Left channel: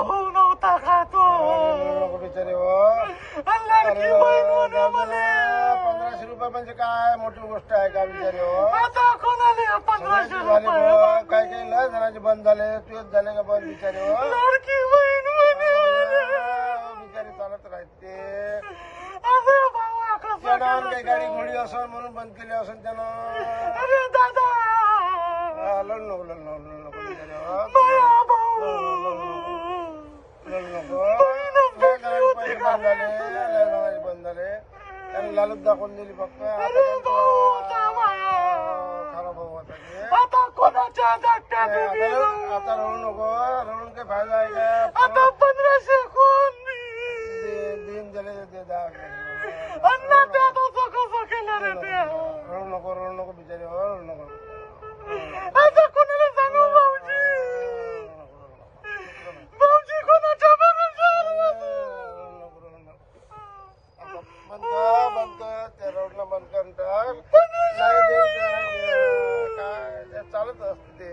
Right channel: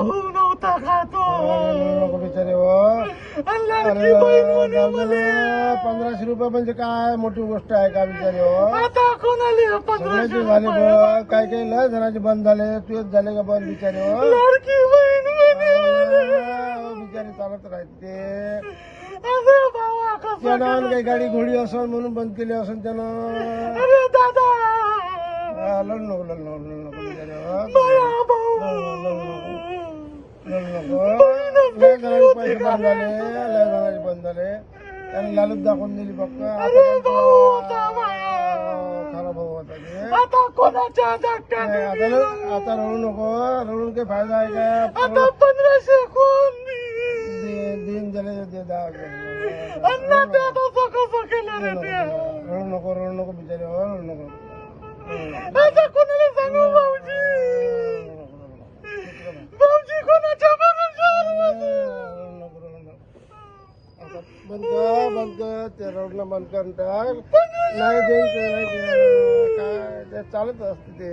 भाऊ नव्हता का तो नको बिचारे हो. लाडकी बहीण म्हणे मला 1500 रुपये म्हणजे काय मोठी गोष्ट आहे का बिचारे हो. आता कोणाला 1500 सगळ्याचे झाले रुपये बघ. काही काही लय जणांचे बंद झाले. तुझेच झाले का बंद बिचारे हो. लाडकी बहीण म्हणे हो, बिचारे चालत राहते. अरे बाबा कसं त्यानं काही गाडी घोडी असन म्हणून बंद केली असन त्यानं. अरे दादा लढ नको लढ नको लढ नको बिचारे हो. माया भाऊ लढ नको. लय जणांचे पैसे बंद झाले. लय जणांचे बंद झाले. त्याने लालूच दाखवून दिली फक्त. अरे भाऊ होता माया खरा भाऊ होता ते. आता कोणाच्या धाकट्यात आता रडू नको. रडून काही फायदा आहे का. आता 1500 कोण दिन झाले ते 10 अण्णा त्या तसं कसं केलं रे ते रडू नको बिचारे हो. रडू नको. आता कोणाला सांगू भाऊजी भाऊजी कोणाच्या बंद कर ते रडणं बंद कर. नाही द्यायचं नाही काय ते चालत असते ते.